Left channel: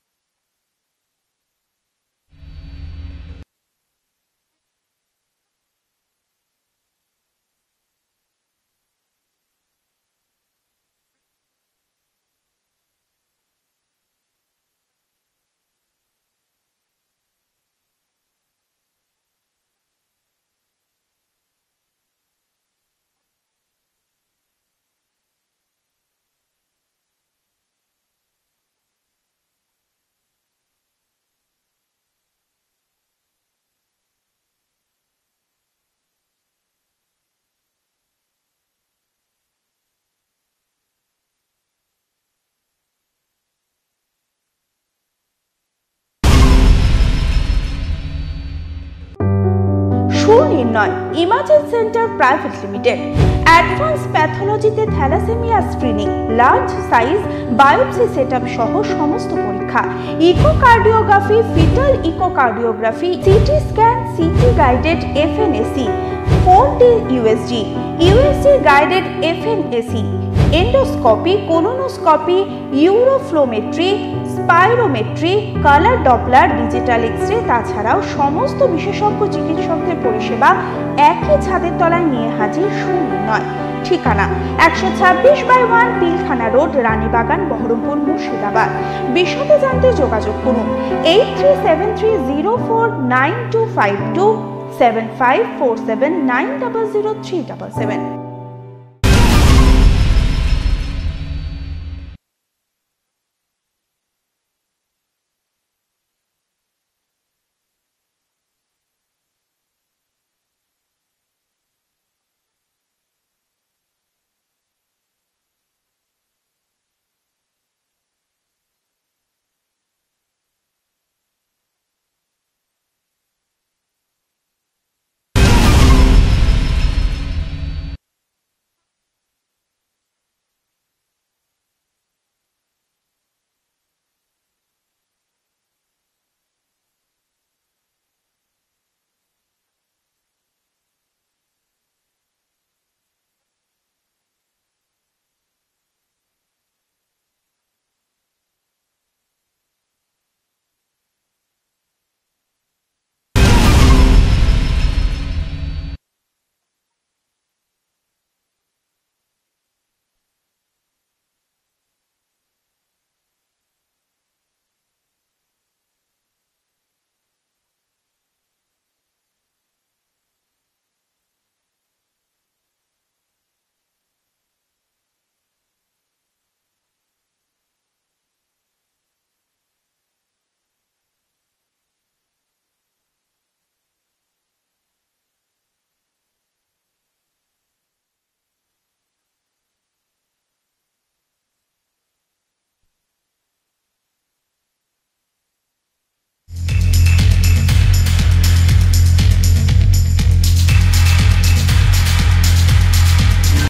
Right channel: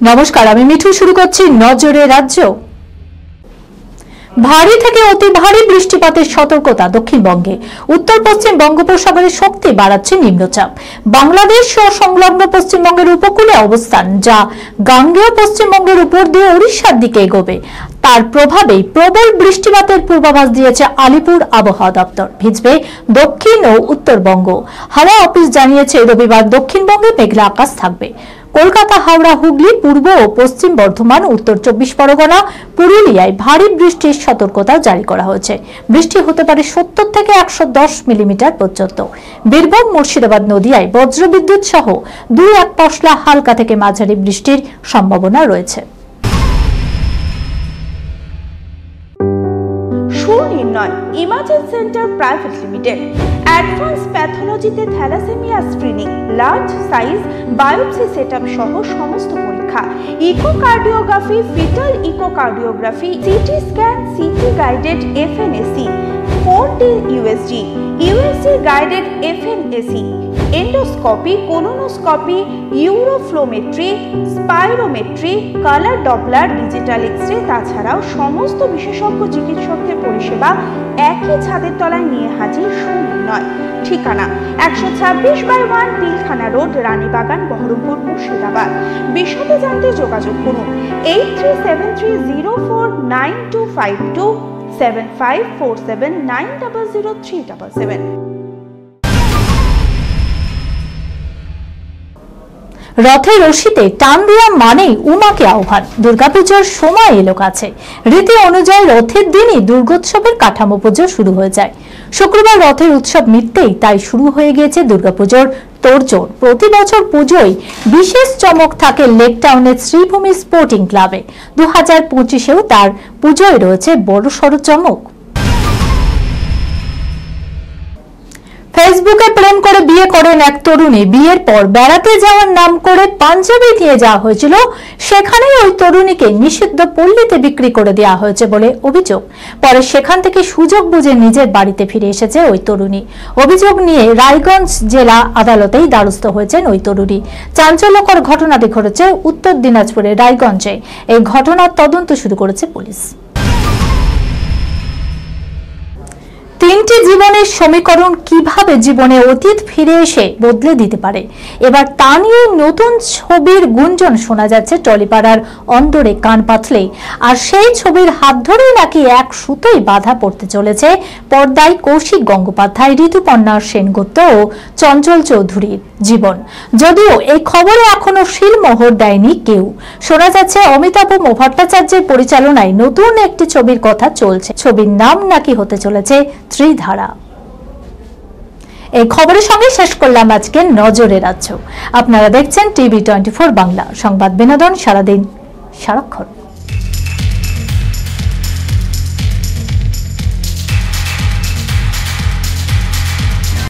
নমস্কার, আমি মিঠু। শুরু করছি নজরে রাজ্য। ভারী থেকে অতি ভারী বৃষ্টিপাতের সতর্কতা দক্ষিণবঙ্গে। উত্তর পশ্চিম বঙ্গোপসাগরে শক্তি বাড়াচ্ছে নিম্নচাপ। বাংলাদেশ ও সংলগ্ন পশ্চিমবঙ্গের উপকূলে অবস্থান, যা গাঙ্গেয় পশ্চিমবঙ্গের উপর দিয়ে উড়িষ্যার দিকে এগোবে। তার প্রভাবেই প্রবল বৃষ্টিপাতের পূর্বাভাস দিয়েছে আলিপুর আবহাওয়া দপ্তর। ভিজবে দক্ষিণ ও উত্তরবঙ্গ। হাওয়া অফিস জানিয়েছে রবিবার দক্ষিণবঙ্গে মেঘলা আকাশ থাকবে। কলকাতা, হাওড়া, হুগলি, পূর্ব ও পশ্চিম বর্ধমান, উত্তর 24 পরগনা, পুরুলিয়ায় ভারী বৃষ্টির সতর্কতা জারি করা হয়েছে। বৃষ্টি হতে পারে 70 থেকে 110 মিলিমিটার পর্যন্ত। বীরভূম, মুর্শিদাবাদ, নদিয়ায় বজ্রবিদ্যুৎ সহ 2-1 পশলা হালকা থেকে মাঝারি বৃষ্টির সম্ভাবনা রয়েছে। Sunirnoy imaging centre private limited advance প্যাথোলজিতে thalassemia screening, large size biopsy setup সহ সমস্ত পরীক্ষা, echocardiography, fetal echocardiography, CT scan, CT guided FNAC, 4D USG, USG guided FNAC, endoscopy, colonoscopy, uroflowmetry, spirometry, colour doppler, digital x-ray, তাছাড়াও সমস্ত বিশেষজ্ঞ চিকিৎসকদের পরিষেবা একই ছাদের তলায় নিয়ে হাজির সুনির্ণয়। ঠিকানা 126/1 পিলখানা রোড, রানীবাগান, বহরমপুর, মুর্শিদাবাদ। বিশদে জানতে যোগাযোগ করুন 8373049252 7547900377। রথের রশিতে টান দেওয়া মানেই উমাকে আহ্বান। দুর্গাপুজোর সময় এলো কাছে। রীতি অনুযায়ী রথের দিনই দুর্গোৎসবের কাঠামো পুজো শুরু হয়ে যায়। শুক্রবার রথের উৎসব মিটতেই তাই শুরু হয়ে গিয়েছে দুর্গাপুজোর তোড়জোড়। প্রতি বছর পুজোয় বিশেষ চমক থাকে লেক টাউনের শ্রীভূমি স্পোর্টিং ক্লাবে। 2025-এও তার পুজোয় রয়েছে বড়সড় চমক। ফেসবুকে প্রেম করে বিয়ে করেন এক তরুণী। বিয়ের পর বেড়াতে যাওয়ার নাম করে পাঞ্জাবে নিয়ে যাওয়া হয়েছিল। সেখানেই ওই তরুণীকে নিষিদ্ধ পল্লীতে বিক্রি করে দেওয়া হয়েছে বলে অভিযোগ। পরে সেখান থেকে সুযোগ বুঝে নিজের বাড়িতে ফিরে এসেছে ওই তরুণী। অভিযোগ নিয়ে রায়গঞ্জ জেলা আদালতেই দ্বারস্থ হয়েছেন ওই তরুণী। চাঞ্চল্যকর ঘটনাটি ঘটেছে উত্তর দিনাজপুরের রায়গঞ্জে। এই ঘটনার তদন্ত শুরু করেছে পুলিশ। 3টি জীবনের সমীকরণ কিভাবে জীবনে অতীত ফিরে এসে বদলে দিতে পারে, এবার তা নিয়ে নতুন ছবির গুঞ্জন শোনা যাচ্ছে টলিপাড়ার অন্দরে কান পাতলে। আর সেই ছবির হাত ধরেই নাকি এক সুতোই বাধা পড়তে চলেছে পর্দায় কৌশিক গঙ্গোপাধ্যায়, ঋতুপর্ণা সেনগুপ্ত ও চঞ্চল চৌধুরীর জীবন। যদিও এই খবরে এখনো শিলমোহর দেয়নি কেউ। শোনা যাচ্ছে অমিতাভ ভট্টাচার্যের পরিচালনায় নতুন একটি ছবির কথা চলছে। ছবির নাম নাকি হতে চলেছে ত্রিধারা। এই খবরের সঙ্গে শেষ করলাম আজকে নজরে রাজ্য। আপনারা দেখছেন টিভি 24 বাংলা, সংবাদ বিনোদন সারাদিন সারাক্ষণ।